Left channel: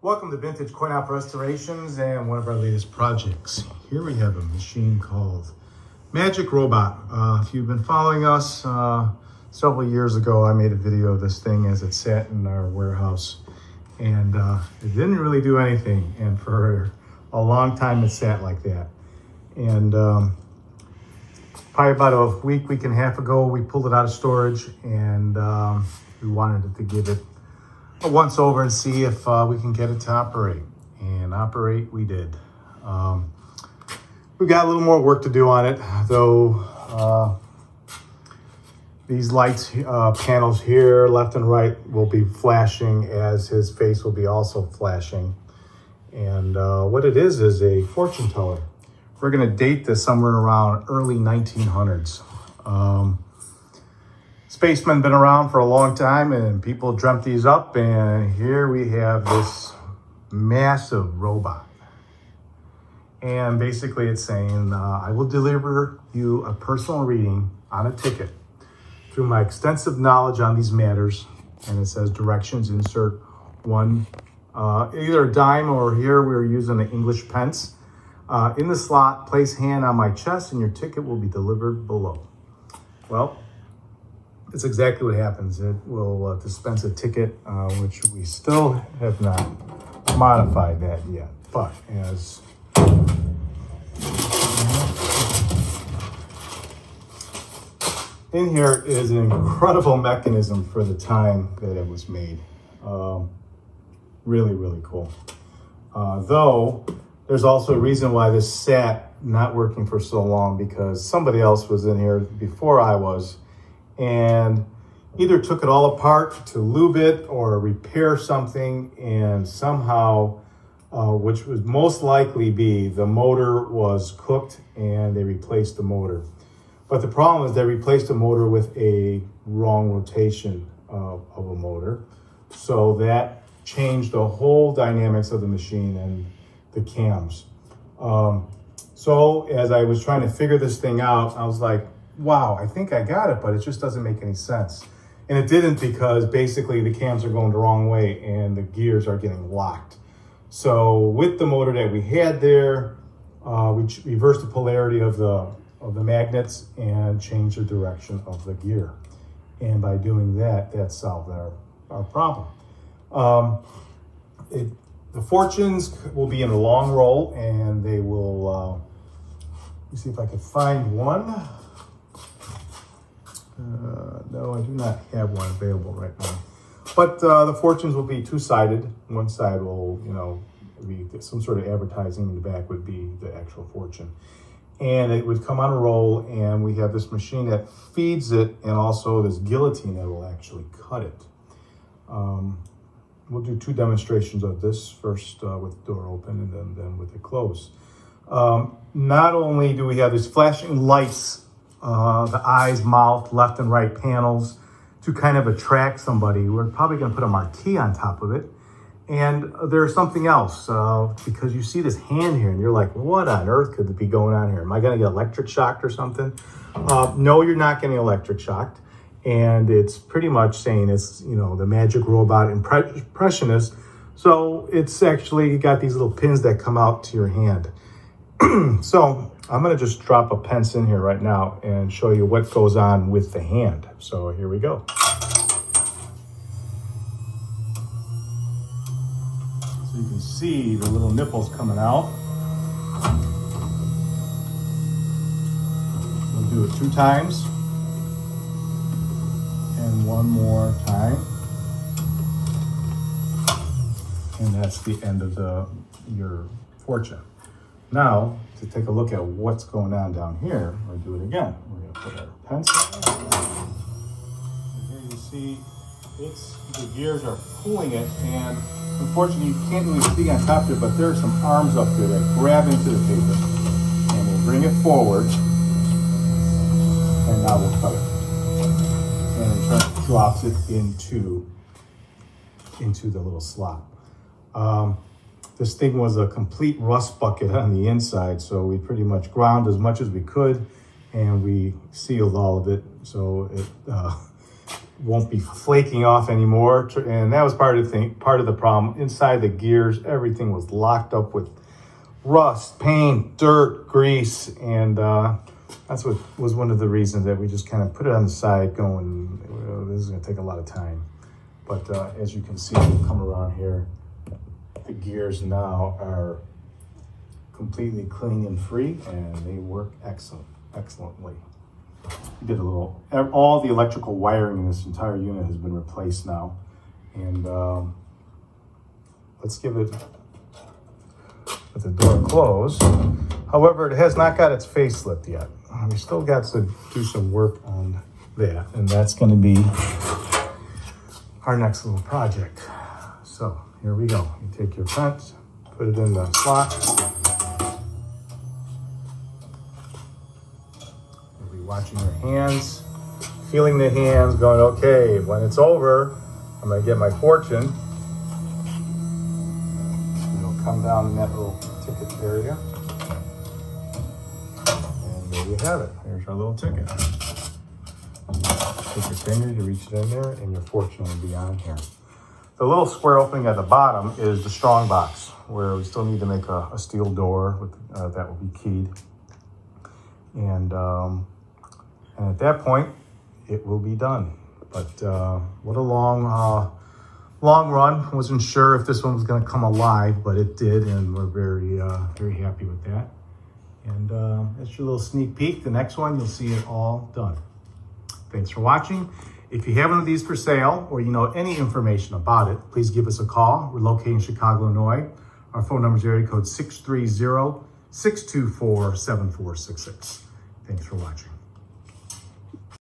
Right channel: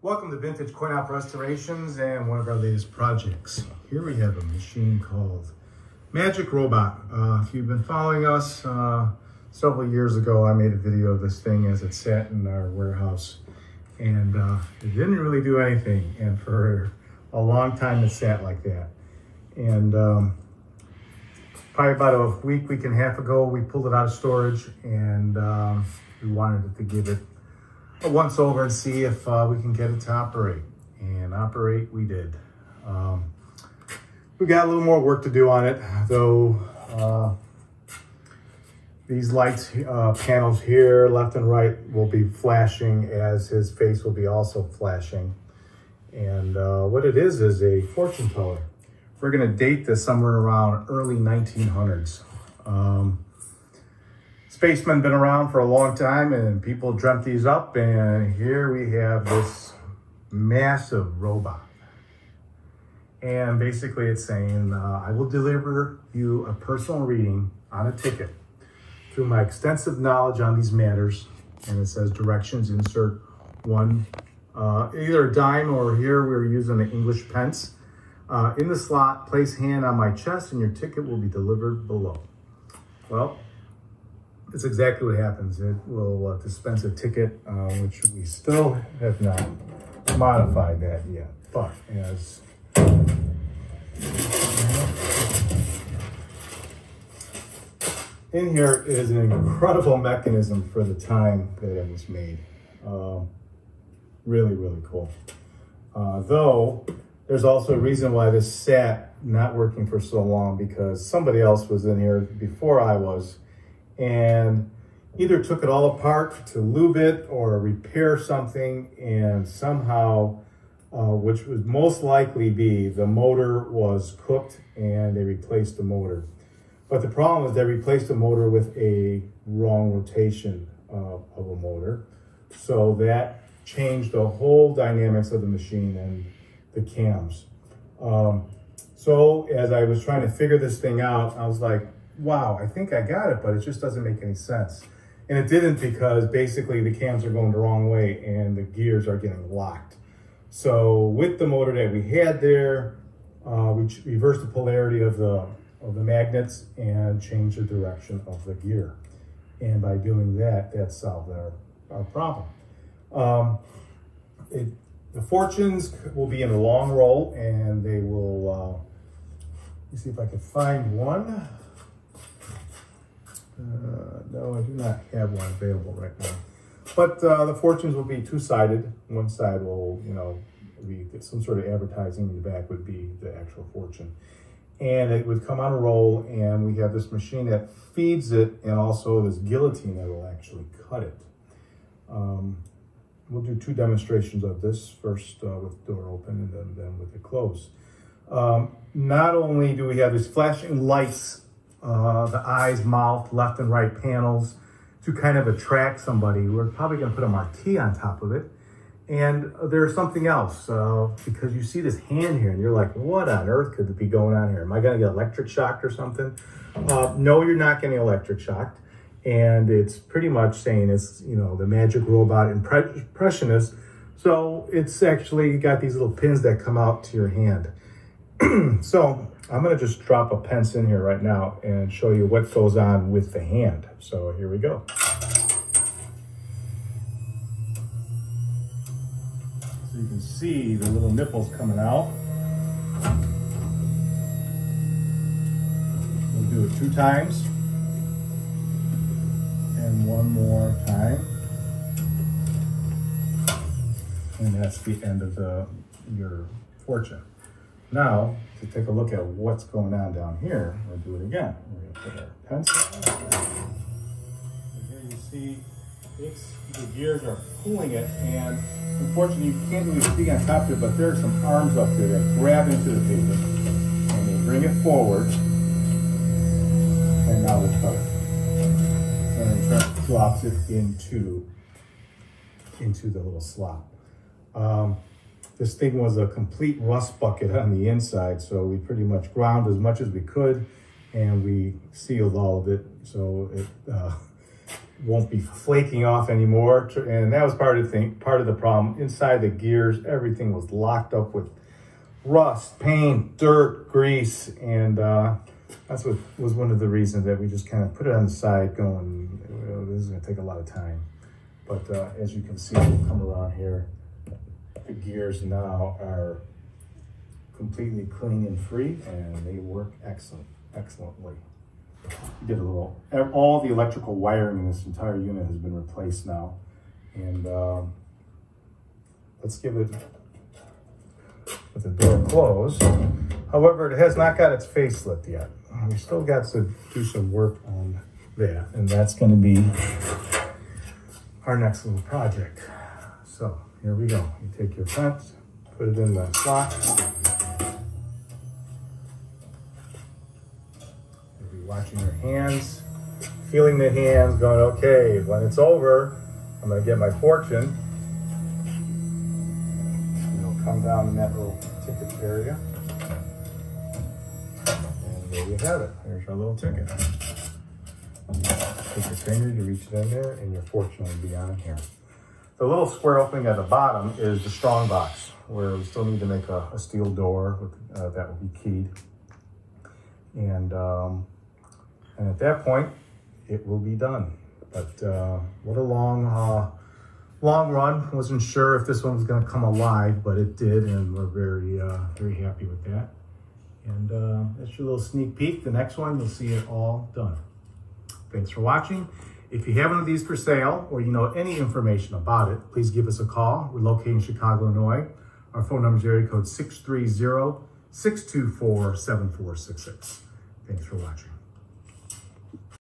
Welcome to Vintage Coin Op Restorations and one of our latest projects. Here we have a machine called Magic Robot. If you've been following us, several years ago I made a video of this thing as it sat in our warehouse, and it didn't really do anything, and for a long time it sat like that. And probably about a week and a half ago we pulled it out of storage, and we wanted to give it a once over and see if we can get it to operate. And operate we did. We've got a little more work to do on it, though. These lights panels here, left and right, will be flashing, as his face will be also flashing. And what it is a fortune teller. We're gonna date this somewhere around early 1900s. Spacemen been around for a long time, and people dreamt these up, and here we have this massive robot. And basically it's saying, I will deliver you a personal reading on a ticket through my extensive knowledge on these matters. And it says directions, insert one, either a dime, or here we're using an English pence. In the slot, place hand on my chest and your ticket will be delivered below. Well, it's exactly what happens. It will dispense a ticket, which we still have not modified that yet. But as in here is an incredible mechanism for the time that it was made. Really, really cool. Though there's also a reason why this sat not working for so long, because somebody else was in here before I was, and either took it all apart to lube it or repair something, and somehow, which would most likely be the motor was cooked and they replaced the motor. But the problem is they replaced the motor with a wrong rotation of a motor. So that changed the whole dynamics of the machine and the cams. So as I was trying to figure this thing out, I was like, wow, I think I got it, but it just doesn't make any sense. And it didn't, because basically the cams are going the wrong way and the gears are getting locked. So with the motor that we had there, we reversed the polarity of the magnets and changed the direction of the gear. And by doing that, that solved our problem. The fortunes will be in a long roll, and they will, let me see if I can find one. No, I do not have one available right now. But the fortunes will be two-sided. One side will, be some sort of advertising. In the back would be the actual fortune. And it would come on a roll, and we have this machine that feeds it, and also this guillotine that will actually cut it. We'll do two demonstrations of this, first with the door open and then with it closed. Not only do we have these flashing lights, the eyes, mouth, left and right panels, to kind of attract somebody. We're probably going to put a marquee on top of it. And there's something else, because you see this hand here and you're like, what on earth could be going on here? Am I going to get electric shocked or something? No, you're not getting electric shocked. And it's pretty much saying it's, the Magic Robot Impressionist. So it's actually got these little pins that come out to your hand. So I'm going to just drop a pence in here right now and show you what goes on with the hand. So here we go. So you can see the little nipples coming out. We'll do it 2 times. And one more time. And that's the end of your fortune. Now, to take a look at what's going on down here, we'll do it again. We're going to put our pencil. And here you see the gears are pulling it, and unfortunately you can't really see on top of it, but there are some arms up there that grab into the paper. And we'll bring it forward, and now we'll cut it. And it drops it into the little slot. This thing was a complete rust bucket on the inside, so we pretty much ground as much as we could, and we sealed all of it. So won't be flaking off anymore. And that was part of the thing, part of the problem. Inside the gears, everything was locked up with rust, paint, dirt, grease, and that's what was one of the reasons that we just kind of put it on the side going, this is gonna take a lot of time. But as you can see, we'll come around here, the gears now are completely clean and free, and they work excellently. We did all the electrical wiring in this entire unit has been replaced now. And let's give it, with the door closed. However, it has not got its facelift yet. We still got to do some work on that, and that's going to be our next little project. So here we go. You take your front, put it in the slot. You'll be watching your hands, feeling the hands, going, okay, when it's over, I'm going to get my fortune. You'll come down in that little ticket area. And there you have it. There's our little ticket. Take your finger, you reach it in there, and your fortune will be on here. The little square opening at the bottom is the strong box, where we still need to make a steel door with, that will be keyed. And at that point, it will be done. But what a long run. Wasn't sure if this one was going to come alive, but it did, and we're very happy with that. And that's your little sneak peek. The next one, you'll see it all done. Thanks for watching. If you have one of these for sale, or you know any information about it, please give us a call. We're located in Chicago, Illinois. Our phone number is area code 630-624-7466. Thanks for watching.